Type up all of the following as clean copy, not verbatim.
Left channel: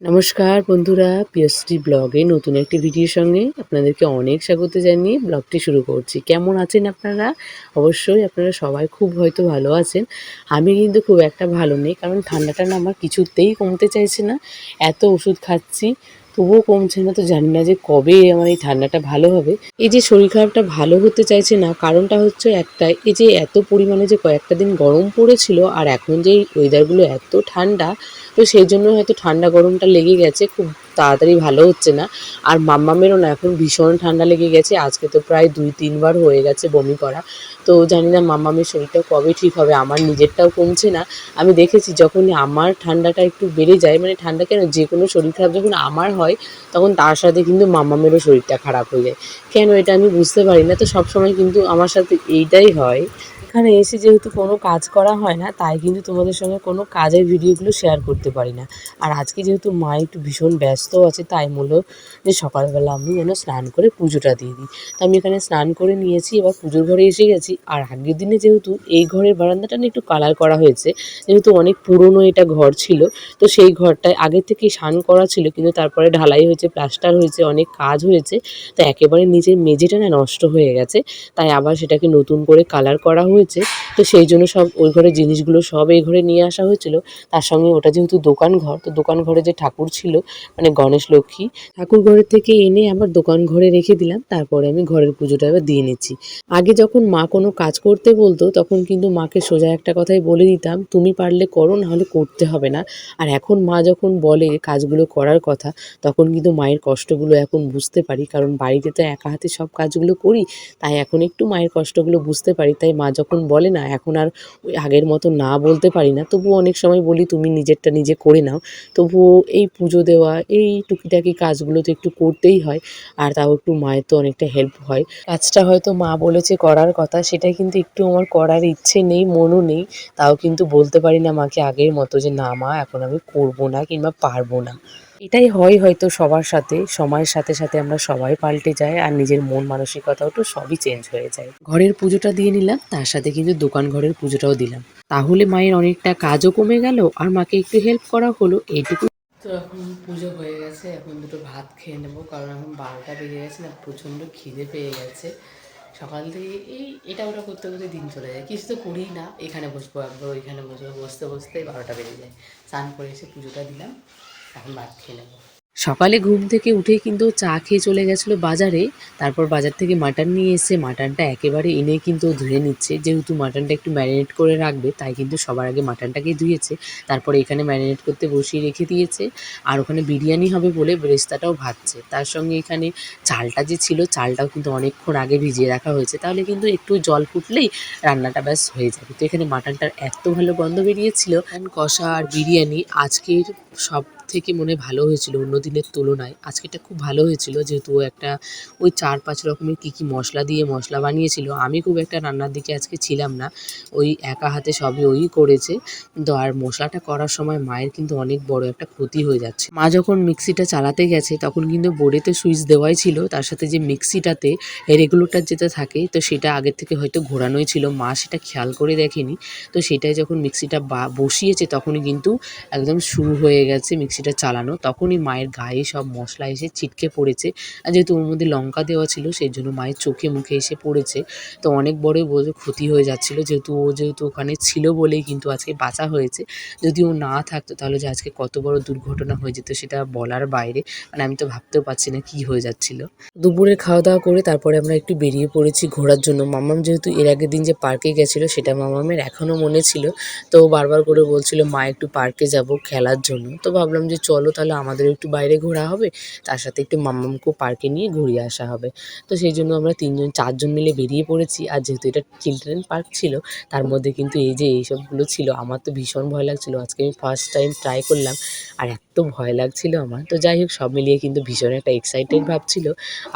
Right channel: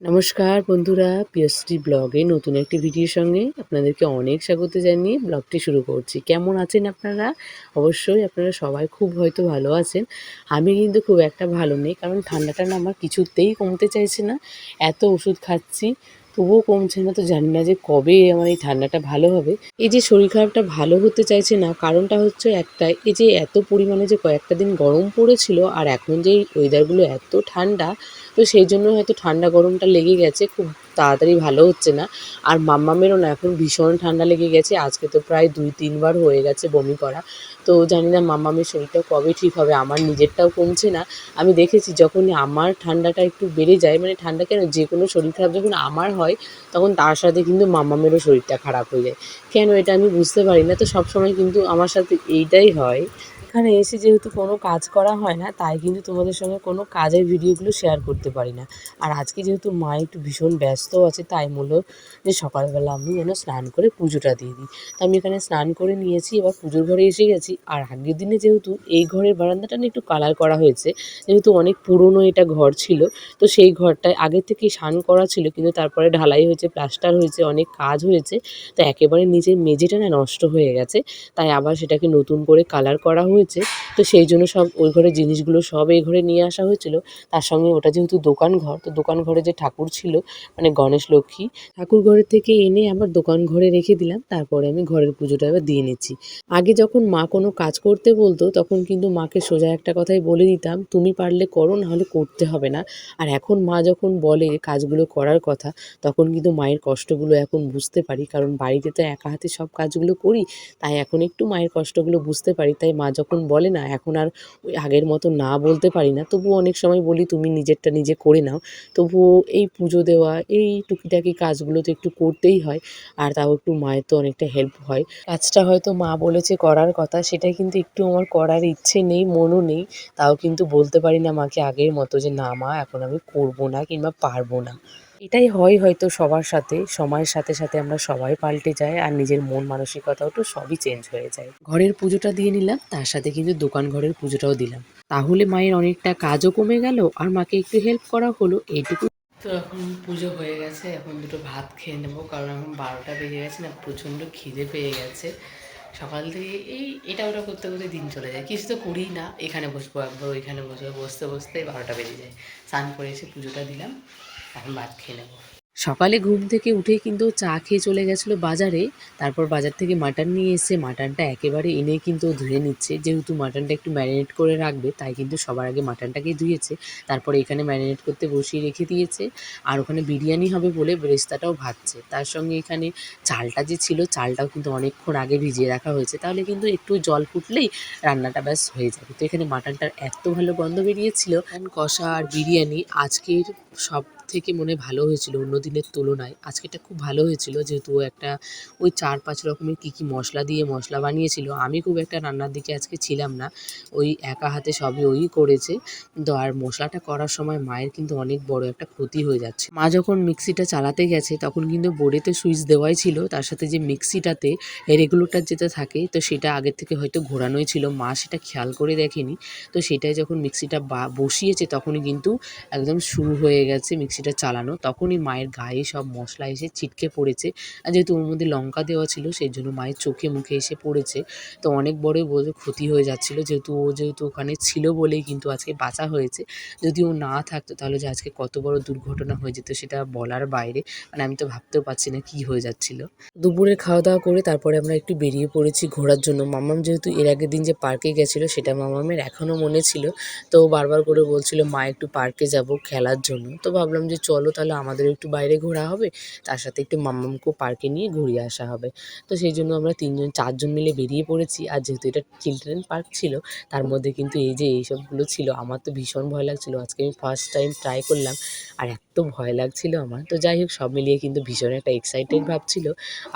নমস্কার বন্ধুরা, পিয়শ্রী ব্লগে নতুন একটি ভিডিওর সঙ্গে আপনাদেরকে অনেক স্বাগত জানিয়ে ব্লগটি শুরু করছি। কেমন আছেন আপনারা? অবশ্যই আপনারা সবাই খুব হয়তো ভালো আছেন। আমি কিন্তু খুব একটা ভালো নেই, কারণ ঠান্ডাটা না আমার কিছুতেই কমতে চাইছে না। এত ওষুধ খাচ্ছি তবুও কমছে না, তো জানি না যে কবে আমার এই ঠান্ডাটা ভালো হবে। এই যে শরীর খারাপটা ভালো হতে চাইছে না, কারণটা হচ্ছে একটাই, এই যে এত পরিমাণে যে কয়েকটা দিন গরম পড়েছিল আর এখন যে এই ওয়েদারগুলো এত ঠান্ডা, তো সেই জন্য হয়তো ঠান্ডা গরমটা লেগে গেছে, খুব তাড়াতাড়ি ভালো হচ্ছে না। আর মাম্মামেরও না এখন ভীষণ ঠান্ডা লেগে গেছে, আজকে তো প্রায় 2-3 বার হয়ে গেছে বমি করা। তো জানি না মাম্মামের শরীরটা কবে ঠিক হবে, আমার নিজেরটাও কমছে না। আমি দেখেছি যখনই আমার ঠান্ডাটা একটু বেড়ে যায়, মানে ঠান্ডা কেন, যে কোনো শরীর খারাপ যখন আমার হয় তখন তার সাথে কিন্তু মাম্মামেরও শরীরটা খারাপ হয়ে যায়। কেন এটা আমি বুঝতে পারি না, তো সবসময় কিন্তু আমার সাথে এইটাই হয়। এখানে এসে যেহেতু কোনো কাজ করা হয় না, তাই কিন্তু তোমাদের সঙ্গে কোনো কাজের ভিডিওগুলো শেয়ার করতে পারি না। আর আজকে যেহেতু মা একটু ভীষণ ব্যস্ত আছে, তাই বললো যে সকালবেলা আমি যেন স্নান করে পুজোটা দিয়ে দিই। তো আমি এখানে স্নান করে নিয়েছি, এবার পুজোর ঘরে এসে গেছি। আর আগের দিনে যেহেতু এই ঘরের বারান্দাটা না একটু কালার করা হয়েছে, যেহেতু অনেক পুরনো এটা ঘর ছিল, তো সেই ঘরটায় আগে থেকেই স্নান করা ছিল, কিন্তু তারপরে ঢালাই হয়েছে, প্লাস্টার হয়েছে, অনেক কাজ হয়েছে, তো একেবারে নিচের মেঝেটা না নষ্ট হয়ে গেছে। তাই আবার সেটাকে নতুন করে কালার করা হয়েছে। তো সেই জন্য সব ওই ঘরের জিনিসগুলো সব এই ঘরে নিয়ে আসা হয়েছিল। তার সঙ্গে ওটা যেহেতু দোকান ঘর, তো দোকান ঘরে যে ঠাকুর ছিল, মানে গণেশ লক্ষ্মী ঠাকুর ঘরের থেকে এনে আবার দোকান ঘরে রেখে দিলাম। তারপরে আমি ঘরের পুজোটা এবার দিয়ে নিচ্ছি। আগে যখন মা কোনো কাজ করতে বলতো, তখন কিন্তু মাকে সোজা একটা কথাই বলে দিতাম, তুমি পারলে করো, নাহলে করতে হবে না। আর এখন মা যখন বলে কাজগুলো করার কথা, তখন কিন্তু মায়ের কষ্টগুলো এখন বুঝতে পারি, কারণ বাড়িতে তো একা হাতে সব কাজগুলো করি। তাই এখন একটু মায়ের কষ্টগুলো বুঝতে পারি। তাই মা যখন বলে না, এখন আর ওই আগের মতো না বলতে পারি না। তবুও অনেক সময় বলি, তুমি নিজেরটা নিজে করে নাও। তবুও এই পুজো দেওয়া, এই টুকিটাকি কাজগুলো তো একটু করতেই হয়। আর তাও একটু মায়ের তো অনেকটা হেল্প হয়। কাজটা হয়তো মা বলেছে করার কথা, সেটাই কিন্তু একটু আমার করার ইচ্ছে নেই, মনও নেই। তাও কিন্তু বলতে পারি না মাকে আগের মতো যে না মা, এখন আমি করব না কিংবা পারবো না। এটাই হয় হয়তো সবার সাথে, সময়ের সাথে সাথে আমরা সবাই পাল্টে যাই, আর নিজের মন মানসিকতাও তো সবই চেঞ্জ হয়ে যায়। ঘরের পুজোটা দিয়ে নিলাম, তার সাথে কিন্তু দোকান ঘরের পুজোটাও দিলাম। তাহলে মায়ের অনেকটা কাজও কমে গেল, আর মাকে একটু হেল্প করা হলো, এইটুকু। তো এখন পুজো হয়ে গেছে, এখন দুটো ভাত খেয়ে নেবো, কারণ এখন 12টা বেজে গেছে না, প্রচণ্ড খিদে পেয়ে গেছে। সকাল থেকে এই এটা ওটা করতে করতে দিন চলে যায়, কিছু তো করিই না, এখানে বসবো একবার, ওইখানে বসবো, বসতে বসতে 12টা বেজে যায়। স্নান করে এসে পুজোটা দিলাম, এখন ভাত খেয়ে নেবো। সকালে ঘুম থেকে উঠেই কিন্তু চা খেয়ে চলে গেছিলো বাজারে। তারপর বাজার থেকে মাটন নিয়ে এসে মাটনটা একেবারে এনে কিন্তু ধুয়ে নিচ্ছে, যেহেতু মাটনটা একটু ম্যারিনেট করে রাখবে, তাই কিন্তু সবার আগে মাটনটাকেই ধুয়েছে। তারপরে এখানে ম্যারিনেট করতে বসিয়ে রেখে দিয়েছে। আর ওখানে বিরিয়ানি হবে বলে বেরেস্তাটাও ভাজছে। তার সঙ্গে এখানে চালটা যে ছিল, চালটাও কিন্তু অনেকক্ষণ আগে ভিজিয়ে রাখা হয়েছে, তাহলে কিন্তু একটু জল ফুটলেই রান্নাটা ব্যাস হয়ে যাবে। তো এখানে মাটনটার এত ভালো গন্ধ বেরিয়েছিল, কষা আর বিরিয়ানি আজকের সব থেকে মনে ভালো হয়েছিল অন্য দিনের তুলনায়। আজকেরটা খুব ভালো হয়েছিল, যেহেতু ও একটা ওই 4-5 রকমের কী কী মশলা দিয়ে মশলা বানিয়েছিল। আমি খুব একটা রান্নার দিকে আজকে ছিলাম না, ওই একা হাতে সবই ওই করেছে। কিন্তু আর মশলাটা করার সময় মায়ের কিন্তু অনেক বড় একটা ক্ষতি হয়ে যাচ্ছে। মা যখন মিক্সিটা চালাতে গেছে, তখন কিন্তু বোর্ডেতে সুইচ দেওয়াই ছিল, তার সাথে যে মিক্সিটাতে রেগুলেটর যেটা থাকে, তো সেটা আগের থেকে হয়তো ঘোরানোই ছিল, মা সেটা খেয়াল করে দেখেনি। তো সেটাই যখন মিক্সিটা বসিয়েছে, তখনই কিন্তু একদম শুরু হয়ে গেছে মিক্সিটা চালানো। তখনই মায়ের গায়ে সব মশলা এসে ছিটকে পড়েছে। আর যেহেতু ওর মধ্যে লঙ্কা দেওয়া ছিল, সেই জন্য মায়ের চোখে মুখে এসে পড়েছে। তো অনেক বড়ই ক্ষতি হয়ে যাচ্ছিল, যেহেতু ওখানে ছিল বলেই কিন্তু আজকে বাঁচা হয়েছে। যদি ও না থাকতো, তাহলে যে আজকে কত বড় দুর্ঘটনা হয়ে যেত সেটা বলার বাইরে। মানে আমি তো ভাবতেও পারছি না কী হয়ে যাচ্ছিল। দুপুরের খাওয়া দাওয়া করে তারপরে আমরা একটু বেরিয়ে পড়েছি ঘোরার জন্য। মাম্মাম যেহেতু এর আগের দিন যে পার্কে গেছিলো, সেটা মাম্মামের এখনও মনে ছিল। তো ও বারবার করে বলছিল মা একটু পার্কে যাব খেলার জন্য। তো ভাবলাম যে চলো তাহলে আমাদেরও একটু বাইরে ঘোরা হবে, তার সাথে একটু মাম্মামকেও পার্কে নিয়ে ঘুরিয়ে আসা হবে। তো সেই জন্য আমরা 4জন মিলে বেরিয়ে পড়েছি। আর যেহেতু এটা চিলড্রেন পার্ক ছিল, তার মধ্যে কিন্তু এই যে এইসবগুলো ছিল, আমার তো ভীষণ ভয় লাগছিল। আজকে আমি ফার্স্ট টাইম ট্রাই করলাম, আর এত ভয় লাগছিল আমার। তো যাই হোক, সব মিলিয়ে কিন্তু ভীষণ একটা এক্সাইটেড ভাব ছিল।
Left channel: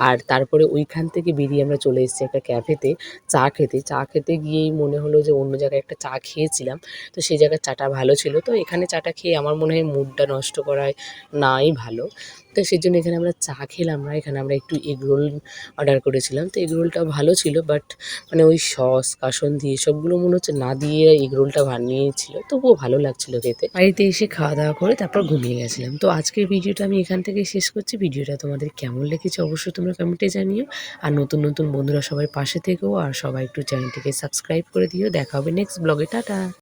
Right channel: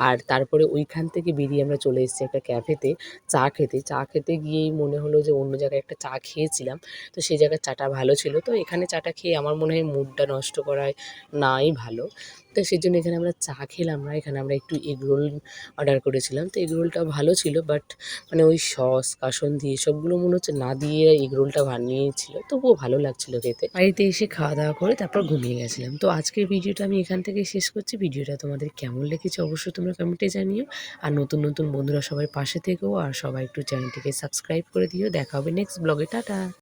আর তারপরে ওইখান থেকে বেরিয়ে আমরা চলে এসেছি একটা ক্যাফেতে চা খেতে। চা খেতে গিয়েই মনে হলো যে অন্য জায়গায় একটা চা খেয়েছিলাম, তো সেই জায়গার চাটা ভালো ছিল। তো এখানে চাটা খেয়ে আমার মনে হয় মুডটা নষ্ট করায় নাই ভালো। তো সেজন্য এখানে আমরা চা খেলাম না, এখানে আমরা একটু এগরোল অর্ডার করেছিলাম। তো এগরোলটা ভালো ছিল, বাট মানে ওই সস কাসুন্দি এসবগুলো মনে হচ্ছে না দিয়ে এগরোলটা বানিয়েছিল, তবুও ভালো লাগছিল খেতে। বাড়িতে এসে খাওয়া দাওয়া করে তারপর ঘুমিয়ে গেছিলাম। তো আজকের ভিডিওটা আমি এখান থেকেই শেষ করছি। ভিডিওটা তোমাদের কেমন লেগেছে অবশ্যই তোমরা কমেন্টে জানিও। আর নতুন নতুন বন্ধুরা সবাই পাশে থেকো, আর সবাই একটু চ্যানেলটিকে সাবস্ক্রাইব করে দিও। দেখা হবে নেক্সট ব্লগে। টাটা।